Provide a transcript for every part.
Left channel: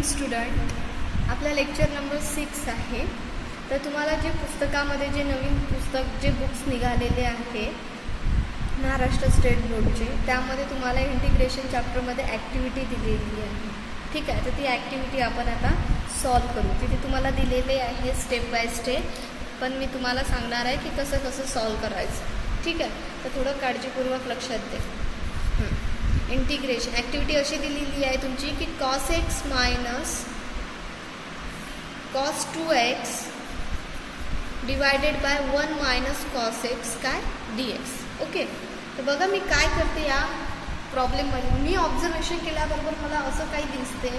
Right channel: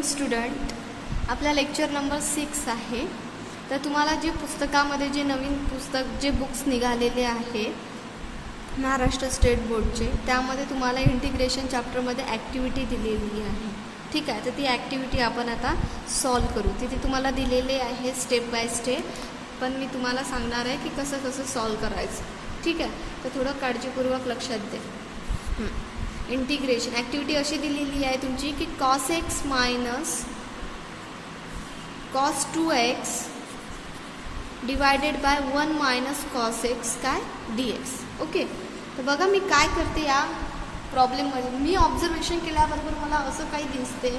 Evening student, आपला lecture number 6 आहे. तर तुम्हाला जे पुस्तकामध्ये जे नवीन पुस्तक जे बुक्स निघालेले आहे महाराष्ट्र स्टेट बोर्डचे, त्यामध्ये तुम्हाला इंटिग्रेशन चॅप्टरमध्ये ॲक्टिव्हिटी दिलेली आहे. ठीक आहे, तर ती ॲक्टिव्हिटी आपण आता सॉल्व करू. तिथे तुम्हाला दिलेले आहे स्टेप बाय स्टेप, पण मी तुम्हाला सांगणार आहे की कसं कसं सॉल्व करायचं. ठीक आहे, तर थोडं काळजीपूर्वक लक्षात दे. इंटिग्रेशन ॲक्टिव्हिटी अशी दिलेली आहे तुमची की cos x minus cos 2x divided by 1 minus cos x काय dx. ओके, तर बघा मी काय करते या प्रॉब्लेममध्ये. मी ऑब्झर्वेशन केल्याबरोबर मला असं काही दिसते,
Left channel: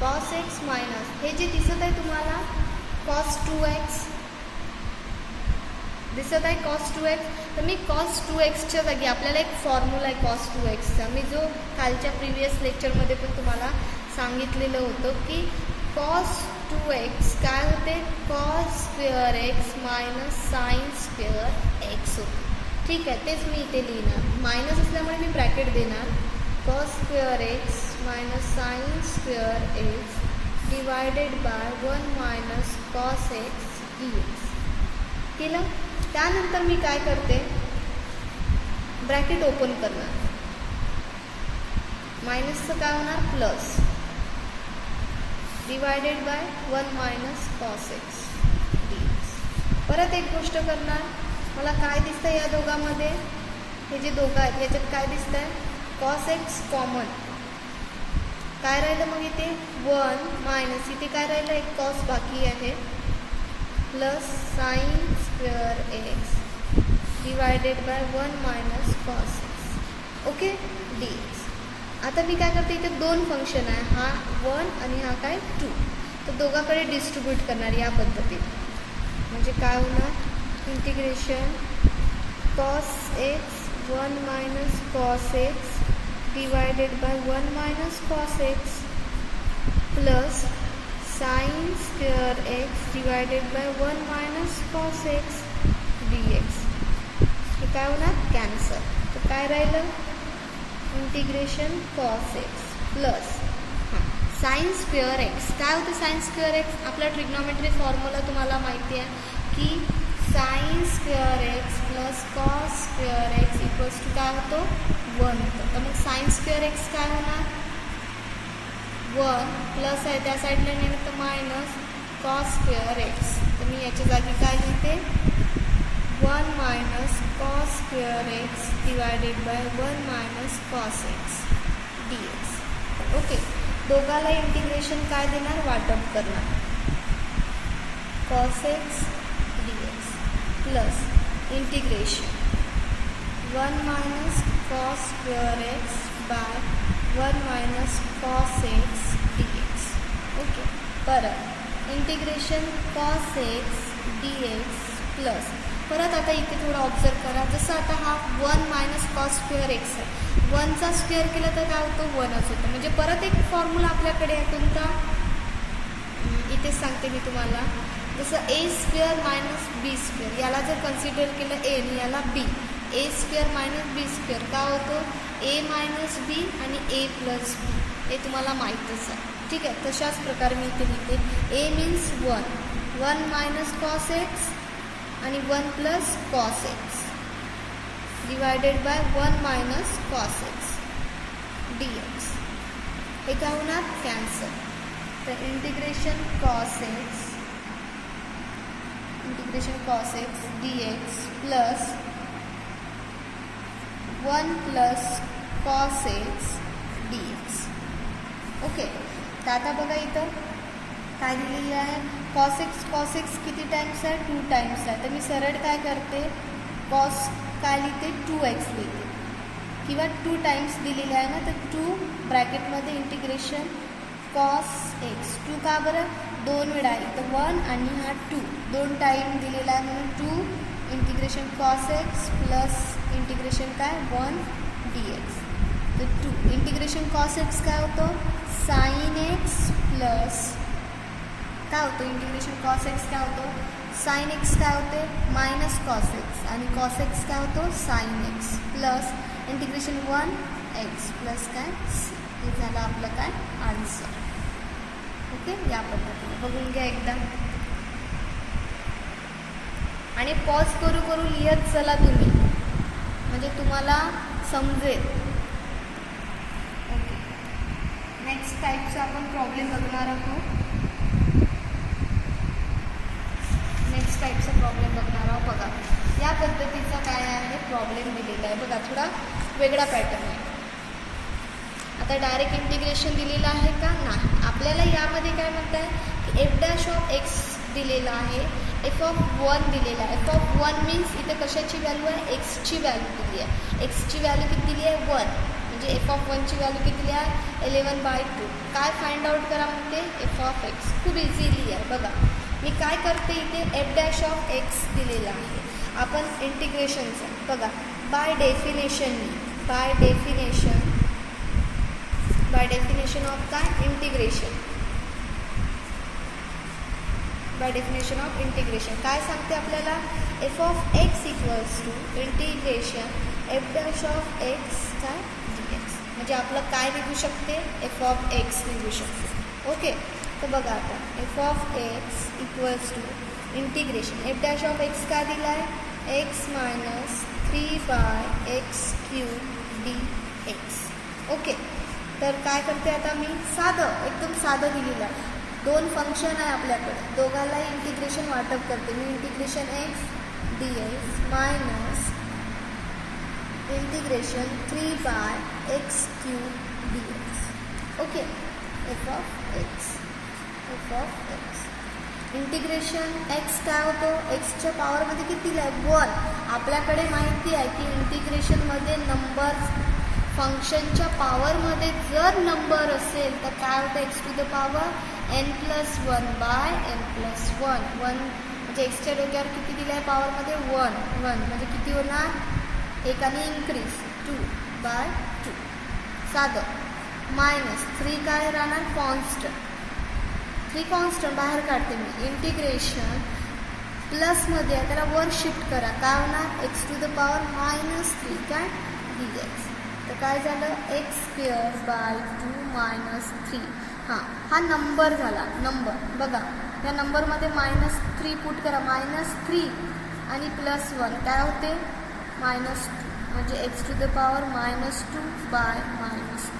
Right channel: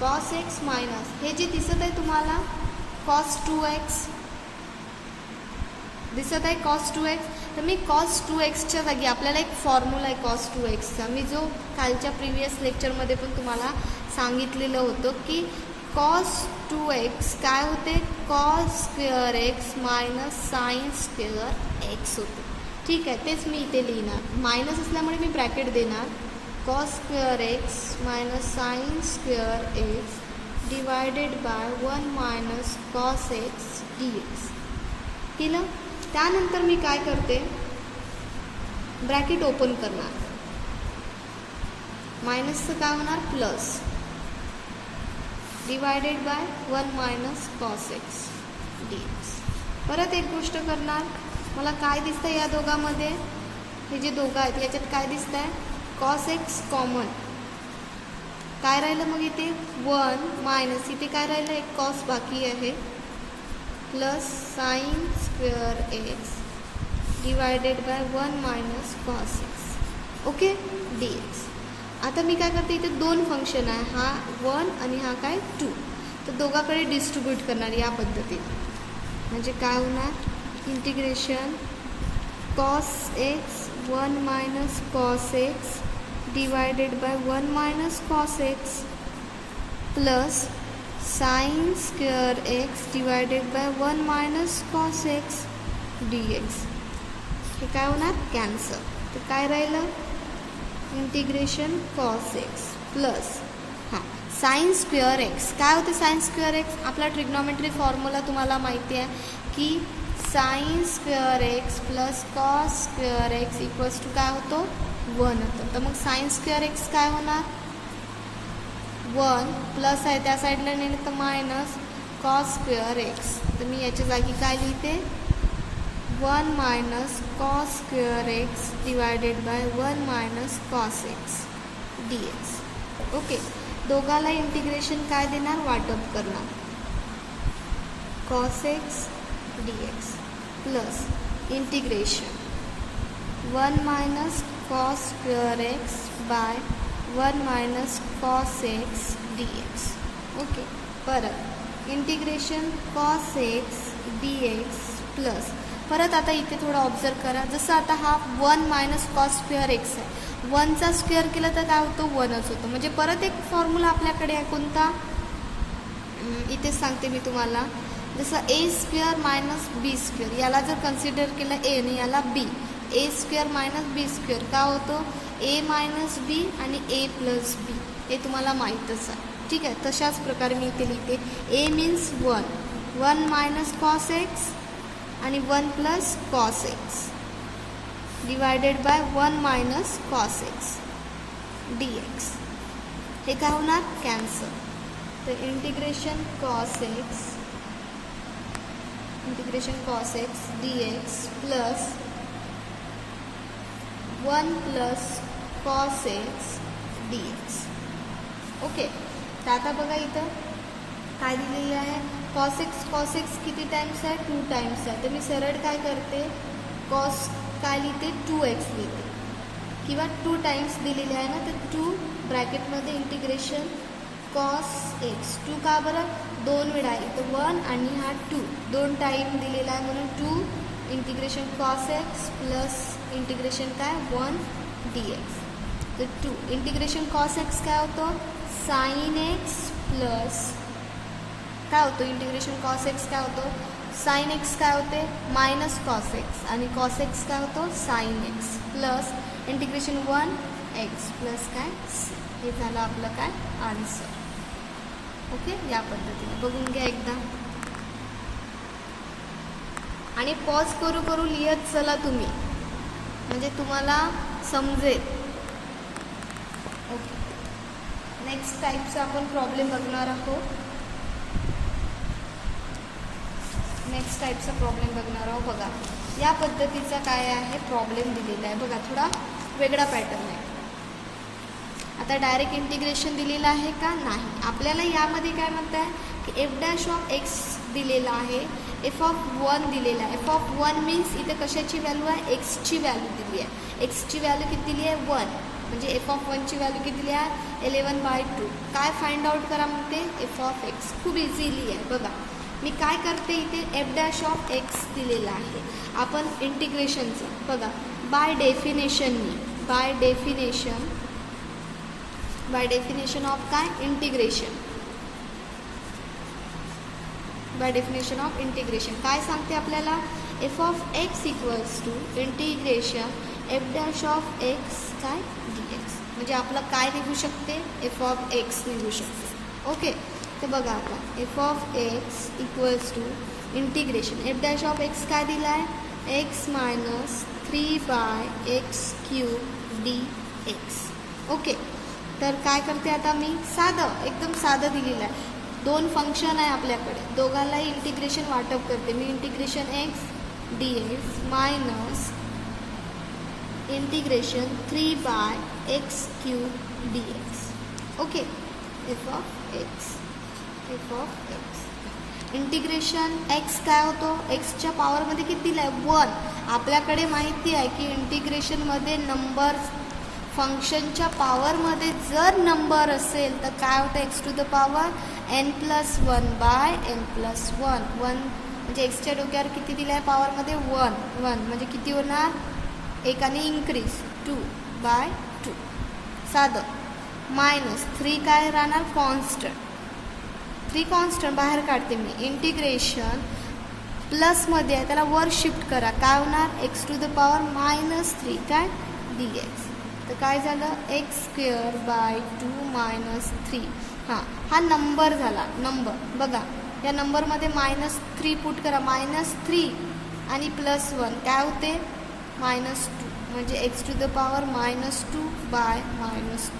cos x मायनस हे जे दिसत आहे तुम्हाला cos 2x दिसत आहे, cos 2x. तर मी cos 2xच्या जागी आपल्याला एक फॉर्म्युला आहे cos 2xचा, मी जो कालच्या प्रिव्हियस लेक्चरमध्ये पण तुम्हाला सांगितलेलं होतं की cos 2x काय होते, cos square x minus sign square x होते. ठीक आहे, तेच मी इथे लिहिणार. मायनस असल्यामुळे मी ब्रॅकेट देणार, cos square x minus sign square x divided by 1 minus cos x dx. केलं. त्यानंतर मी काय करते, ब्रॅकेट ओपन करणार, मायनसचं काय होणार plus divided by 1 minus cos x dx. परत एक गोष्ट करणार, मला काय दिसतं या दोघांमध्ये, हे जे दोघं आहेत याच्यात काय दिसतं आहे, cos x कॉमन, काय राहिलं मग इथे 1 मायनस, इथे काय राहिलं एक cos बाकी आहे, plus sine square x divided by 1 minus cos x. Okay, dx. आता मी काय करते, इथे दोन फंक्शन आहे, हा 1 आणि हा काय 2, तर दोघांकडे डिस्ट्रीब्यूट करणार या पद्धतीने. म्हणजे काय होणार, integration cos x 1 minus cos x divided by 1 minus cos x plus sine square x divided by 1 minus cos x dx. तर काय होणार, कॅन्सल. तर काय राहिलं, integration cos x plus sine square x. काय होते साइन स्क्वेअर x, आपला trigonometry formula तुम्हाला माहिती आहे की sine square x plus cos square x equals to काय होतो 1 होतं. तर मग साइन स्क्वेअर x काय होणार 1 प्लस आहे त्या साईडला नेलं तर मायनस cos स्क्वेअर x. तर मी याच्या जागी काय लिहिते, 1 minus cos square x divided by 1 minus cos x dx. Okay, दोघाला इंटिग्रेशन काय देणार, वाटप करणार, cos x dx plus integration 1 minus cos square x by 1 minus cos x dx. Okay, परत integration cos x dx plus, परत आता इथे थोडं ऑब्झर्व करा, जसं आता हा 1 मायनस cos स्क्वेअर x आहे, 1चा स्क्वेअर केला तर काय होतो 1च होतं. म्हणजे परत एक फॉर्म्युला आपल्याकडे आहे कोणता, इथे सांगते मी तुम्हाला, जसं a square minus b square, याला जर कन्सिडर केलं a आणि याला b, a square minus b square काय होतो a मायनस b आणि a प्लस b, हे तुम्हाला माहीतच आहे. ठीक आहे, तशाच प्रकारे मी इथे लिहिते, a means 1 minus cos x आणि 1 plus cos x divided by 1 minus cos x dx. हे काय होणार, कॅन्सल. तर integration cos x dx plus 1 plus cos x dx. Okay, तर आता बघा इथं काय दिलेली आहे, cos x किती टाइम्स आहे, 2 टाइम्स आहे. तर मी सरळ काय करते, cos काय लिहिते 2x लिहिते, किंवा 2 टाइम्स दिलेले आहे ना, तर 2 ब्रॅकेटमध्ये इंटिग्रेशन cos x, 2 का बरं 2 वेळा, इथं 1 आणि हा 2 टाइम दिलेला आहे म्हणून 2 integration cos x plus integration काय 1 dx. तर 2 इंटिग्रेशन cos x काय होतं, साइन x प्लस काय होतं, इंटिग्रेशन cos x काय होतं, साइन x काय होते मायनस cos x आणि cos x काय होतं sine x plus integration 1 x plus काय c. हे झालं आपलं काय आन्सर. ओके, या पद्धतीने बघून घ्या एकदा आणि पॉज करू करू लिहत चला तुम्ही, म्हणजे तुम्हाला समजेल. ओके, नेक्स्ट टाईपचा आपण प्रॉब्लेम बघणार आहोत. नेक्स्ट टाईपचा प्रॉब्लेम बघणार आहोत. बघा या पद्धतीचा काय आहे प्रॉब्लेम दिलेला आहे. बघा थोडा वेगळा पॅटर्न आहे. आता डायरेक्ट इंटिग्रेशन दिलेलं आहे का? नाही. आपल्याला यामध्ये काय म्हणत आहे की एफ डॅश ऑफ एक्स दिलेला आहे, एफ ऑफ 1 दिलेला आहे. एफ ऑफ 1 मीन्स इथे कशाची व्हॅल्यू आहे? एक्सची व्हॅल्यू दिली आहे. एक्सची व्हॅल्यू किती दिली आहे? 1. म्हणजे एफ ऑफ 1ची व्हॅल्यू किती दिली आहे? 11/2. काय फाइंड आउट करा म्हणते? F of x. खूप इझिली आहे. बघा मी काय करते, इथे एफ डॅश ऑफ एक्स दिलेला आहे. आपण इंटिग्रेशनचं बघा बाय डेफिनेशन ऑफ काय? Integration. By definition of integration काय सांगते आपल्याला? F of X equals to integration F dash of X काय डी एक्स. म्हणजे आपलं काय निघू शकते? एफ ऑफ एक्स निघू शकते. ओके, तर बघा आपण F of X equals to integration F dash of X काय दिला आहे? X minus 3/x³ dx. Okay, तर काय करते आता मी? साधं एकदम साधं दिलेलं आहे. 2 फंक्शन आहे आपल्याकडे, दोघांनाही इंटिग्रेशन वाटप करते मी. Integration x dx minus integration 3/x³ dx. Okay, f of x integration x काय होतो? एक्सच्या पॉवरमध्ये किती आहे? 1. आपल्याकडे माहिती आहे की इंटिग्रेशनमध्ये नंबर फंक्शनच्या पॉवरमध्ये जर नंबर असेल तर काय होतं? X to the power n+1/n+1. 1 म्हणजे एक्सच्या डोक्यावर किती दिलं आहे पॉवरमध्ये? 1 म्हणजे किती होणार? एकाने इन्क्रीज 2/2. साधं. मायनस 3 काय राहणार? कॉन्स्टंट. 3 कॉन्स्टंट बाहेर काढते मी. इंटिग्रेशन प्लसमध्ये आहे त्याला वर शिफ्ट करा. काय होणार? एक्स टू द पॉवर -3 काय dx. तर काय झालं? x²/2 -3. हा नंबर झाला. नंबर बघा या नंबरमध्ये -3 पुट करा. -3 आणि +1 काय होते? -2. म्हणजे X to the power -2/-2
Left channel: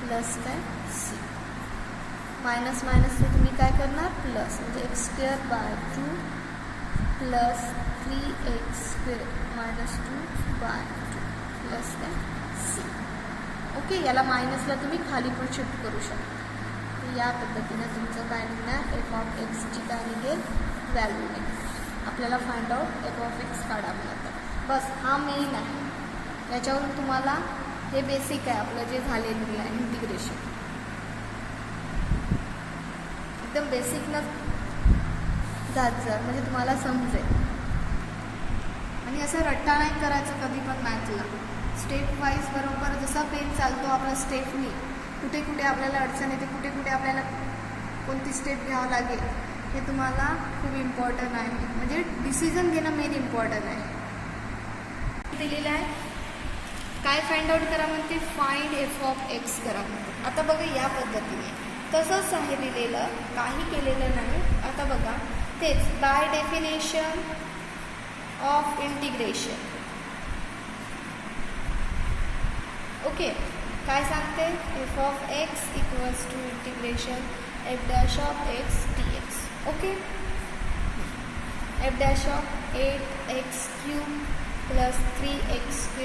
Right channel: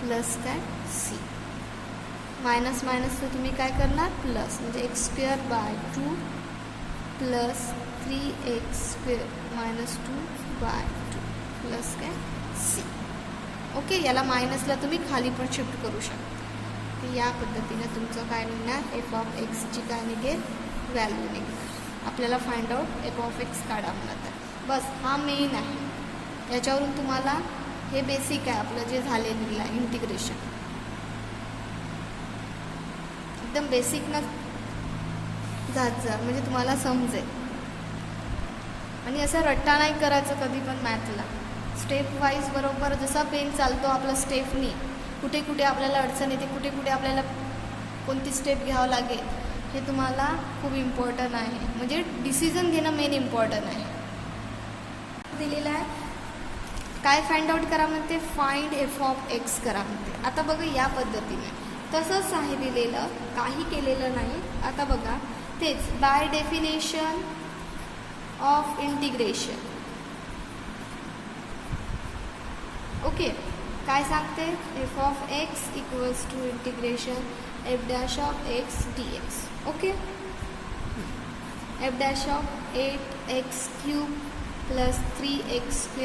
plus काय c. मायनस से तुम्ही काय करणार? प्लस. म्हणजे x²/2 प्लस 3x² -2/2 प्लस काय c. ओके, याला मायनसला तुम्ही खाली पण शिफ्ट करू शकता. तर या पद्धतीने तुमचं काय निघणार? एफ ऑफ एक्सची काय निघेल? व्हॅल्यू निघेल. आपल्याला find out F of x काढावं लागतं. बस हा मेन आहे. याच्यावरून तुम्हाला हे बेसिक आहे आपलं जे झालेलं आहे इंटिग्रेशन. एकदम बेसिक न जात जर म्हणजे तुम्हाला समजेल. आणि असं रट्टा नाही करायचं कधी पण मॅथला. स्टेप वाईज बरोबर जसा पेन चालतो आपला स्टेपनी, कुठे कुठे आपल्याला अडचण येते, कुठे कुठे आपल्याला कोणती स्टेप घ्यावं लागेल हे तुम्हाला खूप इम्पॉर्टंट आहे. म्हणजे डिसिजन घेणं मेन इम्पॉर्टंट आहे. दिलेलं आहे काय फाइंड आउट करा म्हणते? फाइंड एफ ऑफ एक्स करा म्हणते. आता बघा या पद्धतीने तसंच आहे दिलेलं, काही केलेलं नाही. आता बघा तेच by definition of integration. Okay, काय सांगते? F of X equals to integration F dash of X dx. Okay, F dash of 8x³ plus 3x²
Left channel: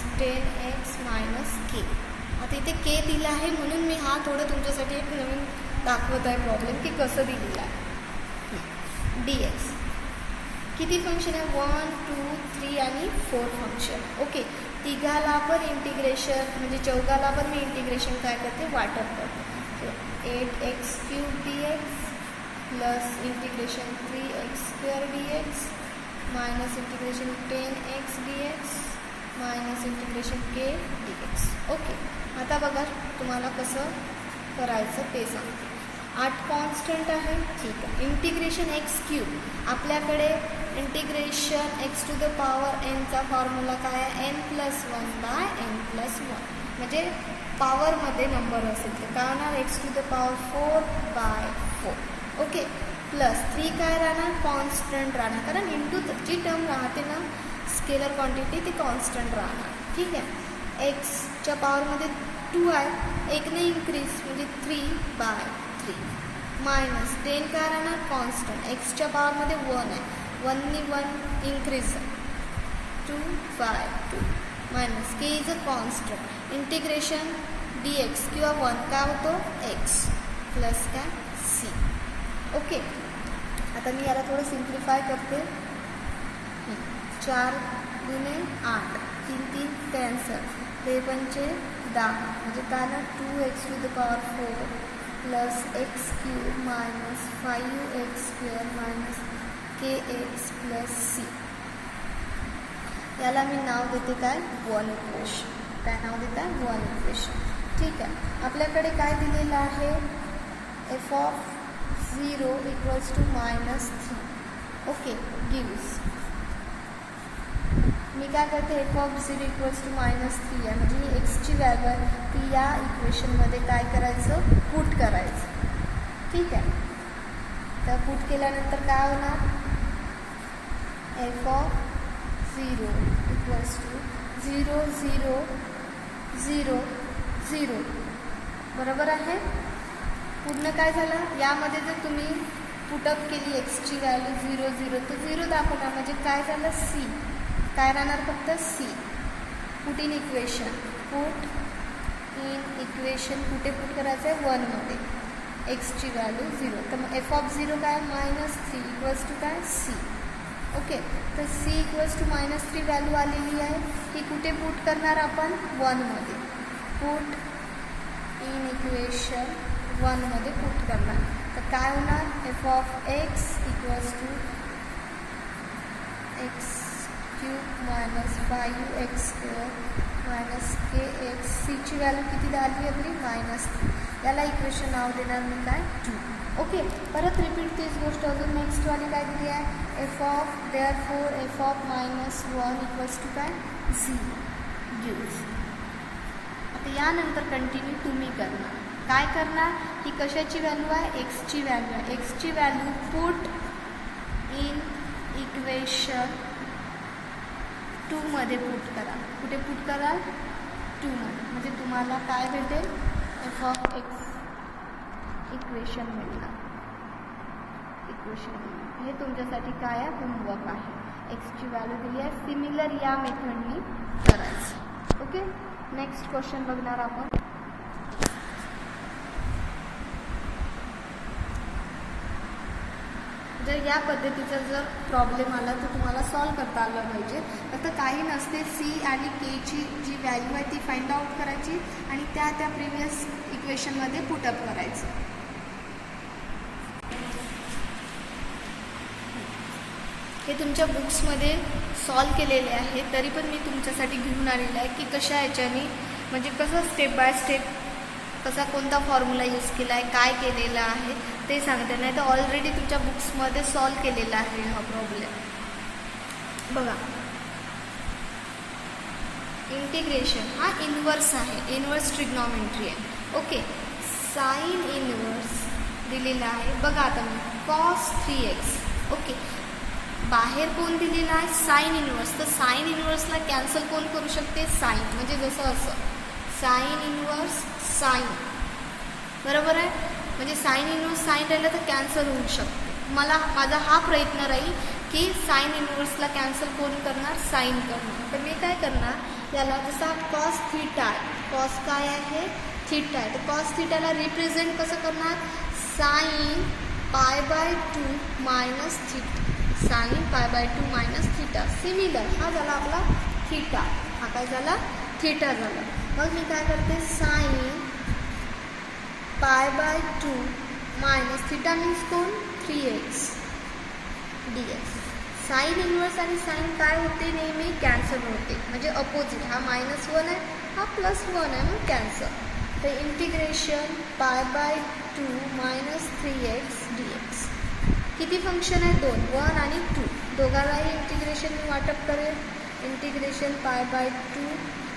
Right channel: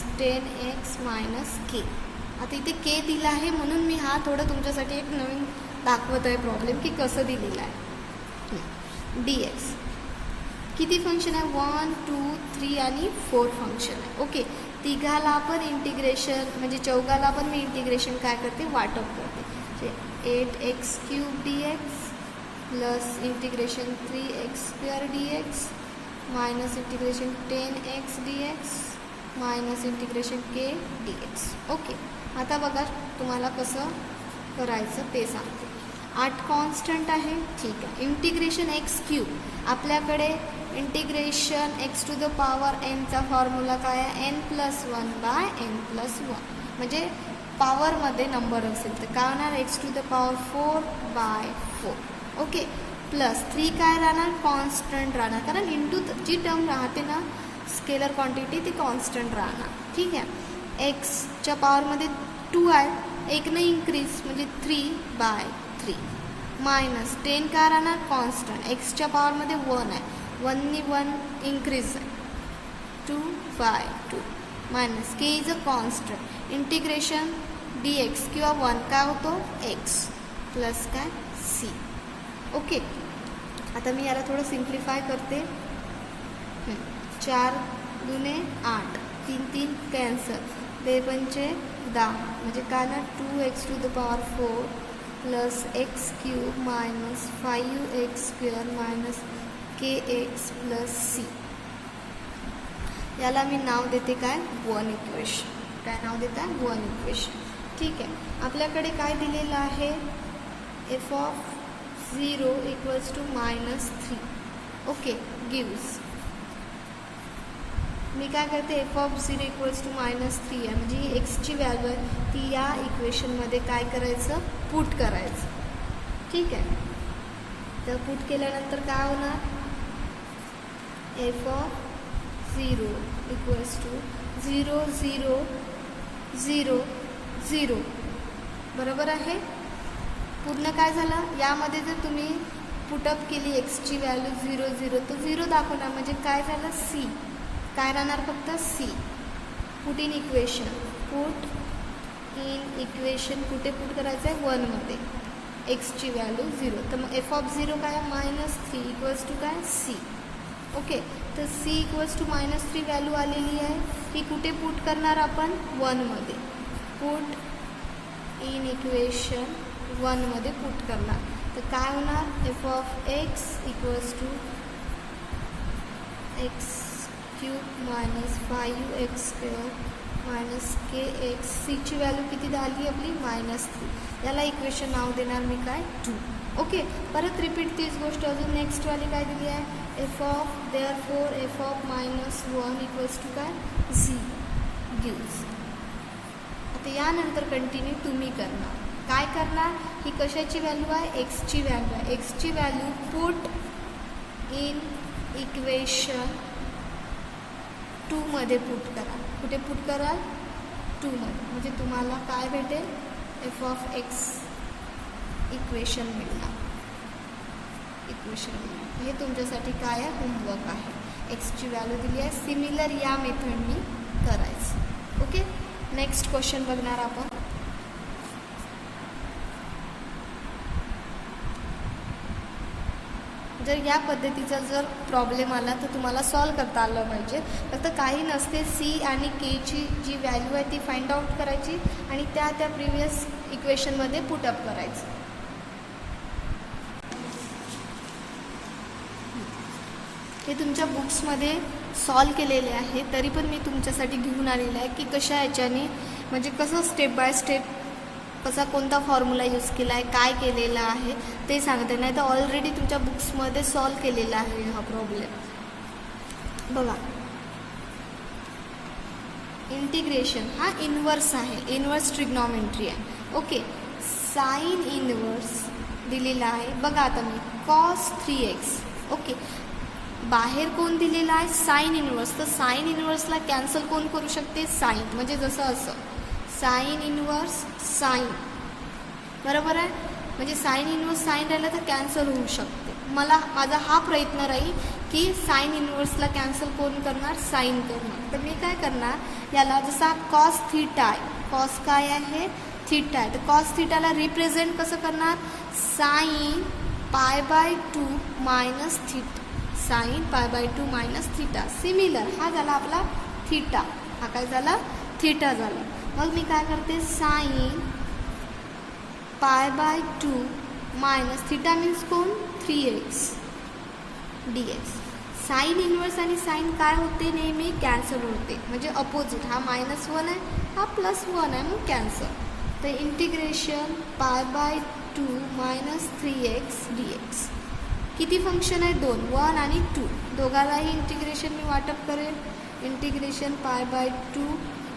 -10x - k. आता इथे k दिला आहे म्हणून मी हा थोडं तुमच्यासाठी एक नवीन दाखवत आहे प्रॉब्लेम की कसं दिलेला आहे. dx किती फंक्शन आहे? 1, 2, 3 आणि 4 फंक्शन. ओके, तिघाला आपण इंटिग्रेशन म्हणजे चौघाला पण मी इंटिग्रेशन काय करते? वाटप करते. 8x³ dx plus integration 3x² dx minus integration 10x dx minus integration k dx. Okay, आता बघा तुम्हाला कसं करायचं ते सांगते. 8 कॉन्स्टंट आहे, ठीक आहे. इंटिग्रेशन x³ आपल्याकडे integration x to the power n चा फॉर्म्युला काय आहे? n+1/n+1. म्हणजे पॉवरमध्ये नंबर असेल तर काय होणार X to the power 4/4. Okay, plus 3 काय राहणार कॉन्स्टंट राहणार, कारण इंटू जी टर्म राहते ना स्केलर क्वांटिटी ती कॉन्स्टंट राहणार. ठीक आहे, एक्सच्या पॉवरमध्ये 2 आहे, एक नाही इंक्रीज म्हणजे 3/3 मायनस 10 काय राहणार कॉन्स्टंट, एक्सच्या पॉवरमध्ये 1 आहे, 1नी 1 increase 2/2 minus K is a constant, integration dx किंवा 1 काय होतो x प्लस काय c. ओके, आता मी याला थोडं सिम्प्लिफाय करते. 4 गुणे 8, 3 3 कॅन्सल, 3×5 म्हणजे काय ना 2x to the power 4 plus X cube minus 5x² minus kx plus c. याला मी नाव देते काय 1 इक्वेशन. काय नाव देत आहे 1 इक्वेशन. ठीक आहे, आपल्याकडे काय दिलेलं आहे f(0) equals to -3. Okay, gives मी काय करते f(0) इक्वल्स टू -3 आहे म्हणजे ही एक्सची व्हॅल्यू आहे ती या इक्वेशनमध्ये काय करायचं पुट करायचं. ठीक आहे, तर पुट केल्यानंतर काय होणार f(0) इक्वल्स टू 0 0 0 0. बरोबर आहे. पूर्ण काय झालं यामध्ये जर तुम्ही पुटअप केली एक्सची व्हॅल्यू 0 0 तर 0 दाखवणार म्हणजे काय झालं सी. काय राहणार फक्त C. Put in equation, put in equation कुठे पुट करायचं आहे 1 मध्ये एक्सची व्हॅल्यू 0. तर मग f(0) काय -3 इक्वल्स टू काय सी. ओके, तर c इक्वल्स टू -3 व्हॅल्यू आलेली आहे, ही कुठे पुट करणार आपण 1 मध्ये. पुट इन इक्वेशन 1 मध्ये पुट करणार तर काय होणार f(x) equals to x³ minus 5x² minus kx. सीची व्हॅल्यू किती झाली आपली -3. याला इक्वेशन नाव देणार मी काय 2. ओके, परत रिपीट तीच गोष्ट अजून नेक्स्टवाली काय दिली आहे therefore f of -1 equals to काय z गिव्स. आता यानंतर कंटिन्यू तुम्ही करणार. काय करणार ही कशाची व्हॅल्यू आहे एक्सची व्हॅल्यू आहे. एक्सची व्हॅल्यू पुट इन इक्वेशन 2 मध्ये पुट करा. कुठे पुट कराल 2 मध्ये म्हणजे तुम्हाला काय भेटेल f(x) इक्वेशन मिळणार. इक्वेशन हे तुमच्यासाठी काय आहे होमवर्क आहे. एक्सची व्हॅल्यू दिली आहे, सिमिलर या मेथडनी करायचं. ओके, नेक्स्ट क्वेश्चन बघणार आपण. जर या पद्धतीचा जर प्रॉब्लेम आला तर तुम्हाला सॉल्व करता आलं पाहिजे. फक्त काही नसते सी आणि केची जी व्हॅल्यू आहे ती फाइंड आउट करायची आणि त्या प्रिव्हियस इक्वेशनमध्ये पुटअप करायचं. हे तुमच्या बुक्समध्ये सॉल्व केलेले आहे, तरी पण मी तुमच्यासाठी घेऊन आलेलं आहे की कशा ह्याच्याने म्हणजे कसं स्टेप बाय स्टेप कसा कोणता फॉर्म्युला यूज केला आहे काय केलेलं आहे ते सांगते. नाही तर ऑलरेडी तुमच्या बुक्समध्ये सॉल्व केलेला आहे हा प्रॉब्लेम. बघा, इंटिग्रेशन हा इन्व्हर्स आहे, इन्व्हर्स ट्रिग्नॉमेट्री आहे. ओके, साइन इन्व्हर्स दिलेला आहे. बघा आता मी cos 3x. ओके, बाहेर कोण दिलेला आहे साइन इन्व्हर्स. तर साइन इन्व्हर्सला कॅन्सल कोण करू शकते साइन, म्हणजे जसं असं साइन इन्व्हर्स साइन. बरोबर आहे, म्हणजे साइन इन्व्हर्स साइन राहिलं तर कॅन्सल होऊ शकते. मला माझा हा प्रयत्न राहील की साइन इन्व्हर्सला कॅन्सल कोण करणार साइन करणार. तर मी काय करणार याला जसा cos थीटा आहे, cos काय आहे थीटा आहे, तर cos थीटाला रिप्रेझेंट कसं करणार sine π/2 minus theta. Sine π/2 minus theta. Similar हा झाला आपला थीटा. हा काय झाला थीटा झाला. मग मी काय करते साइन π/2 मायनस थीटा मीन्स कोण 3x dx. साइन इन्व्हर्स आणि साइन काय होते नेहमी कॅन्सल होते म्हणजे अपोजिट. हा -1 आहे हा +1 आहे मग कॅन्सल. तर इंटिग्रेशन π/2 मायनस 3x dx. किती फंक्शन आहे 2, 1 आणि 2. दोघांनाही इंटिग्रेशन मी वाटप करेल. Integration π/2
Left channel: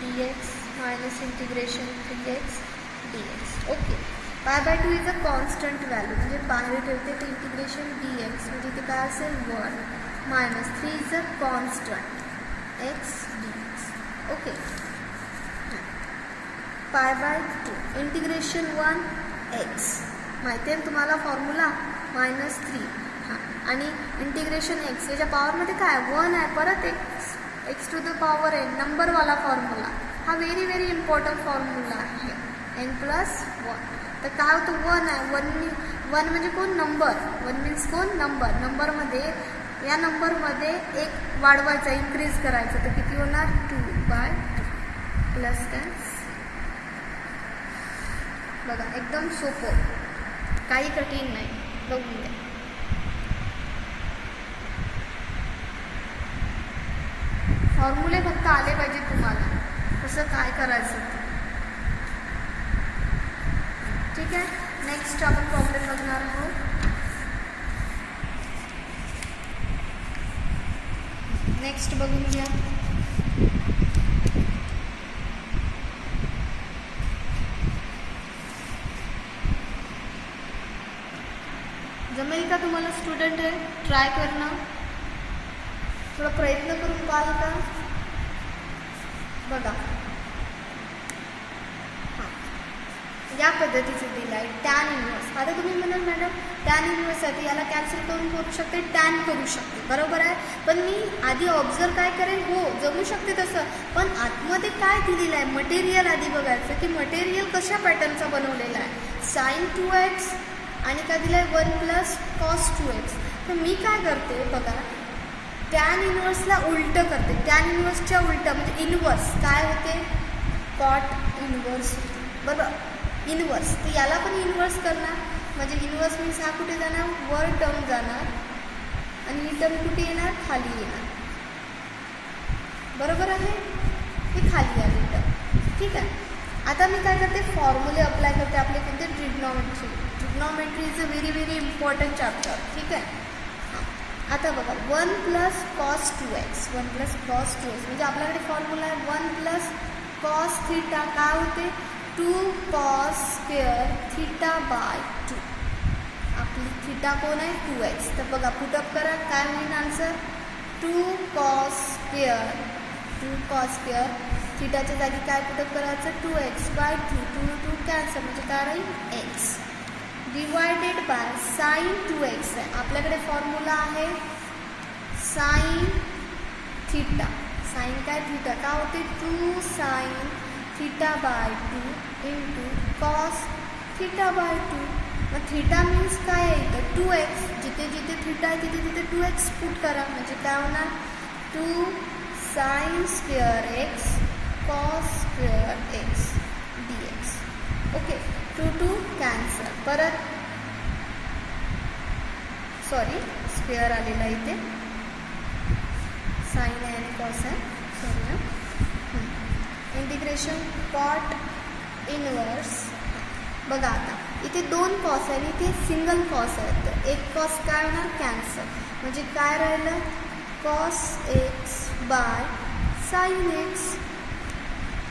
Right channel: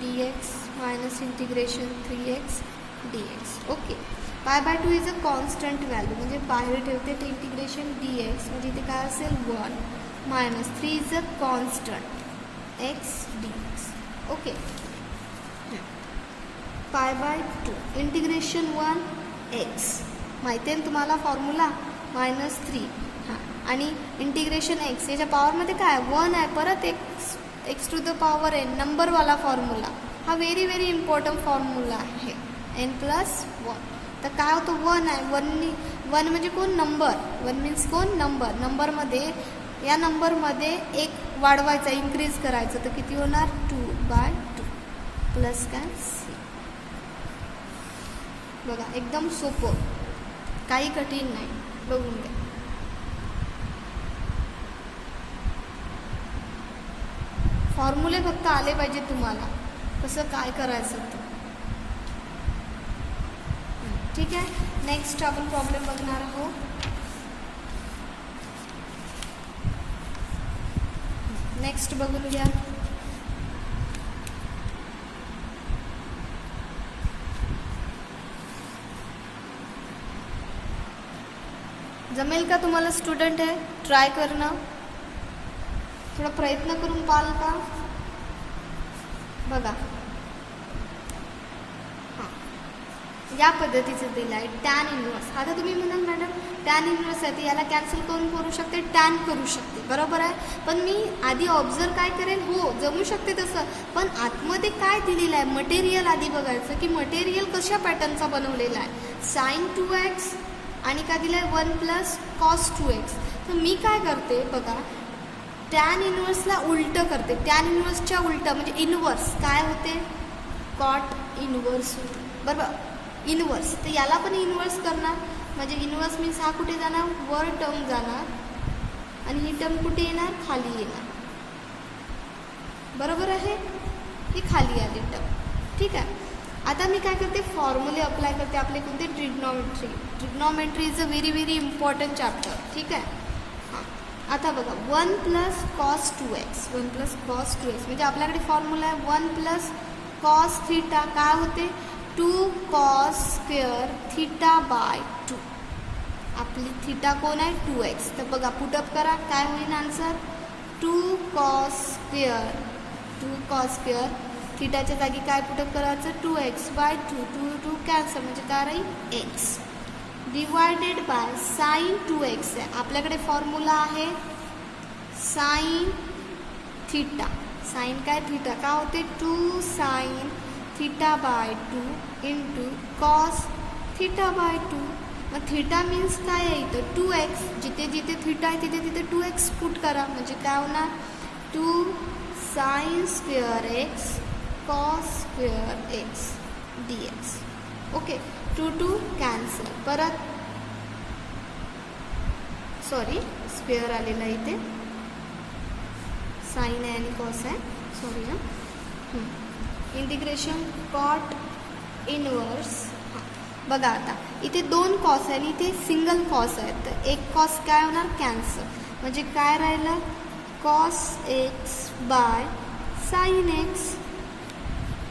dx minus integration 3x dx. Okay. Pi by 2 is a constant value, म्हणजे बाहेर ठेवते ते इंटिग्रेशन dx, म्हणजे इथे काय असेल 1 minus 3 is a constant x dx. Okay. Pi by 2 integration 1 x, माहिती आहे तुम्हाला फॉर्म्युला -3. हां, आणि इंटिग्रेशन x याच्या पॉवरमध्ये काय 1 आहे, परत x to the power n नंबरवाला फॉर्म्युला. हा व्हेरी व्हेरी इम्पॉर्टंट फॉर्म्युला आहे. n+1 तर काय होतं 1 आहे, 1 म्हणजे कोण नंबर, 1 मीन्स कोण नंबर. नंबरमध्ये या नंबरमध्ये एक वाढवायचा, इन्क्रीज करायचं, तर किती होणार 2/2 प्लस काय बघा एकदम सोपं, काही कठीण नाही. बघून घ्या. फॉर्म्युले फक्त आले पाहिजे तुम्हाला कसं काय करायचं ते. ठीक आहे. नेक्स्ट आपण प्रॉब्लेम बघणार आहोत. नेक्स्ट बघून घ्या. जमेल का तुम्हाला स्टुडंट आहे ट्राय करणं, थोडा प्रयत्न करून पाहाल का. बघा या पद्धतीचं दिलं आहे टॅन इन्व्हर्स. आता तुम्ही म्हणाल मॅडम टॅन इन्व्हर्स आहे याला कॅन्सल कोण करू शकते, टॅन करू शकते, बरोबर आहे. पण मी आधी ऑब्झर्व काय करेल, हो जमू शकते तसं, पण आतमध्ये काय दिलेलं आहे मटेरियल आधी बघायचं की मटेरियल कशा पॅटर्नचा बनवलेला आहे. sin 2x आणि काय दिलं आहे 1 + cos 2x. तर मी काय करते बघा टॅन इन्व्हर्सला उलटं करते. टॅन इन्व्हर्सच्या उलटं म्हणजे इन्व्हर्स काय होते कॉट इन्व्हर्स होते, बरोबर इन्व्हर्स. तर याला पण इन्व्हर्स करणार, म्हणजे इन्व्हर्स मीन्स हा कुठे जाणार वर टर्म जाणार आणि ही टर्म कुठे येणार खाली येणार, बरोबर आहे. हे खाली आली टर्म. ठीक आहे. आता मी काय करते फॉर्म्युले अप्लाय करते आपले कोणते trigonometry. Trigonometry is a very very important chapter. ठीक आहे. आता बघा 1 + cos 2x, 1 + cos 2x म्हणजे आपल्याकडे फॉर्म्युला आहे 1 + cos θ काय होते 2 cos स्क्वेअर θ/2. आपली θ कोण आहे 2x. तर बघा पुटअप करा काय होईल आन्सर 2 cos स्क्वेअर θच्या जागी काय पुटअप करायचं 2x/2. 2 कॅन्सल म्हणजे काय राहील x divided bye sin 2x आहे. आपल्याकडे फॉर्म्युला आहे sin θ. साइन काय थीटा काय होते 2 sin θ/2 इंटू cos θ/2. मग थीटा मीन्स काय आहे इथं 2x. जिथे जिथे थीटा आहे तिथे तिथे 2x पुट करा म्हणजे काय होणार 2 sin square x cos square x dx. Okay 2 cancel. परत सॉरी स्क्वेअर आलेला इथे साइन आहे आणि कॉस आहे सॉरी ना. Integration cot inverse. बघा आता इथे 2 कॉस आहे आणि इथे सिंगल कॉस आहे तर एक कॉस काय होणार कॅन्सल म्हणजे काय राहिलं cos x by sine x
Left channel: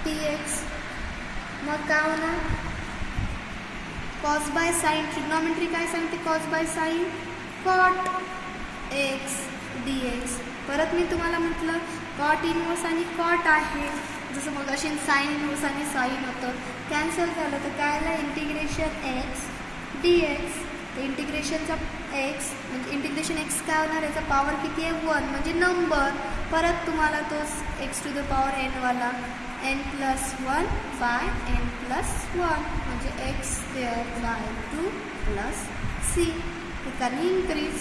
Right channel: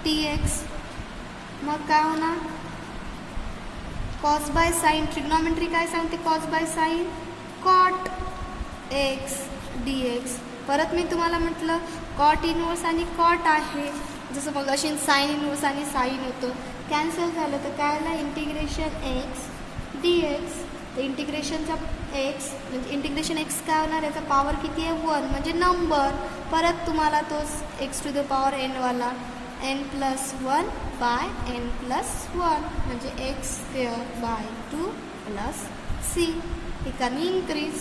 dx. मग काय होणार कॉस बाय साइन. ट्रिग्नॉमेट्री काय सांगते cos by sine cot x dx. परत मी तुम्हाला म्हटलं कॉट इनवर्स आणि कॉट आहे जसं मग अशी साइन इनवर्स आणि साइन होतं कॅन्सल झालं तर काय आलं इंटिग्रेशन x dx. तर इंटिग्रेशनचा x म्हणजे इंटिग्रेशन x काय होणार याचा पॉवर किती आहे 1 म्हणजे नंबर. परत तुम्हाला तोच x to the power n वाला n+1 बाय n+1 म्हणजे x²/2 प्लस c. ठिकाणी इन्क्रीज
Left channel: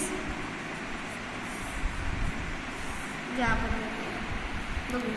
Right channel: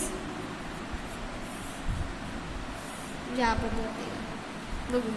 या पद्धतीने बघू.